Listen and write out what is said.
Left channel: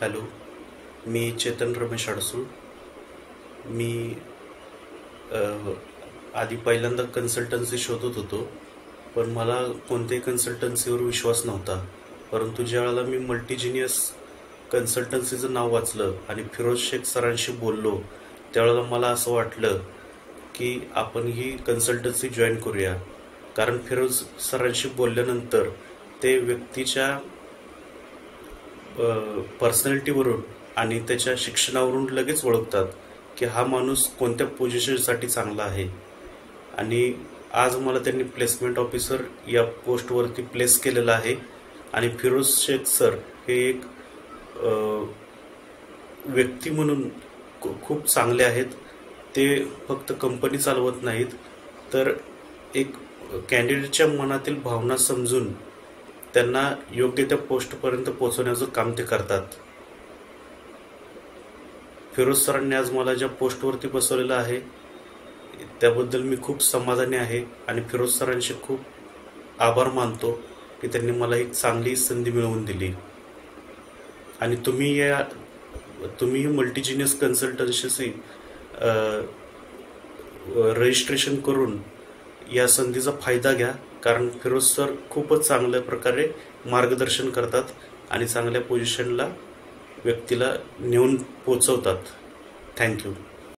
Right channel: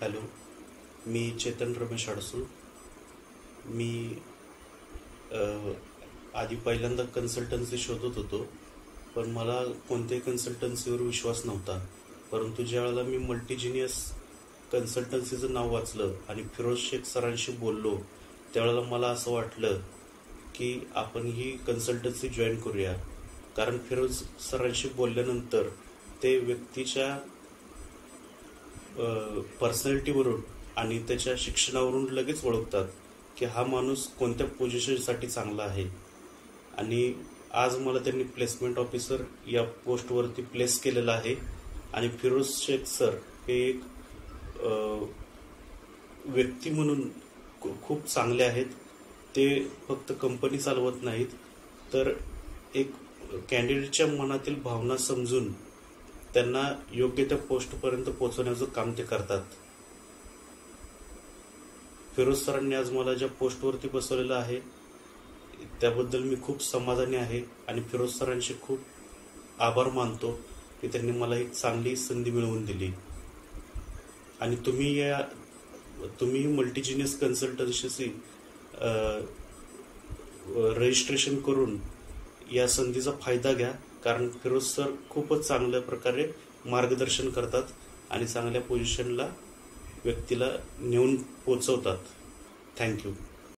Hello, मी चेतन रमेश अडसूळ. मी अ, आधी पहिल्यांदा consultancy शोधत होतो, पण मला कोणत्याही कन्सल्टन्सीवर विश्वास नव्हता. परंतु ज्यावेळेला मी मल्टीजिनियस कन्सल्टन्सीचं नाव वाचलं आणि फिरोज शेख सरांशी बोललो, त्यावेळेला मला असं वाटलं की आपण ही कन्सल्टन्सी जॉईन करूया. कारण फिरोज सरांशी बोलल्यानंतर ते व्यक्तीच्या पर्सनॅलिटीवरून आणि त्याच्या शिक्षणावरून लगेच ओळखतात की हा माणूस कोणत्या पोझिशनसाठी चांगला आहे. आणि आज मला त्यांनी प्लेसमेंट ऑफिसर या पोस्टवरती प्लेस केलेलं आहे. आणि फिरोज शेख सर हे एक व्यक्ती म्हणून खूप चांगले आहेत. ते फक्त कंपनी चालवत नाहीत, तर एक कॅन्डिडेटच्या मनातील भावना समजून त्यांना योग्य त्या पोस्टपर्यंत पोहोचवण्याचं काम ते करतात. फिरोज सरांनी आज मला ज्या पोस्टवरती बसवलेलं आहे त्याबद्दल मी खूप समाधानी आहे आणि फिरोज सरांचे खूप आभार मानतो की त्यांनी मला एक चांगली संधी मिळवून दिली. आणि तुम्ही मल्टीजिनियस कन्सल्टन्सीशी रजिस्ट्रेशन करून या संधीचा फायदा घ्या. कारण फिरोज सर खूपच चांगल्या प्रकारे मार्गदर्शन करतात आणि चांगल्या पोझिशनला व्यक्तीला नेऊन पोचवतात. थँक्यू.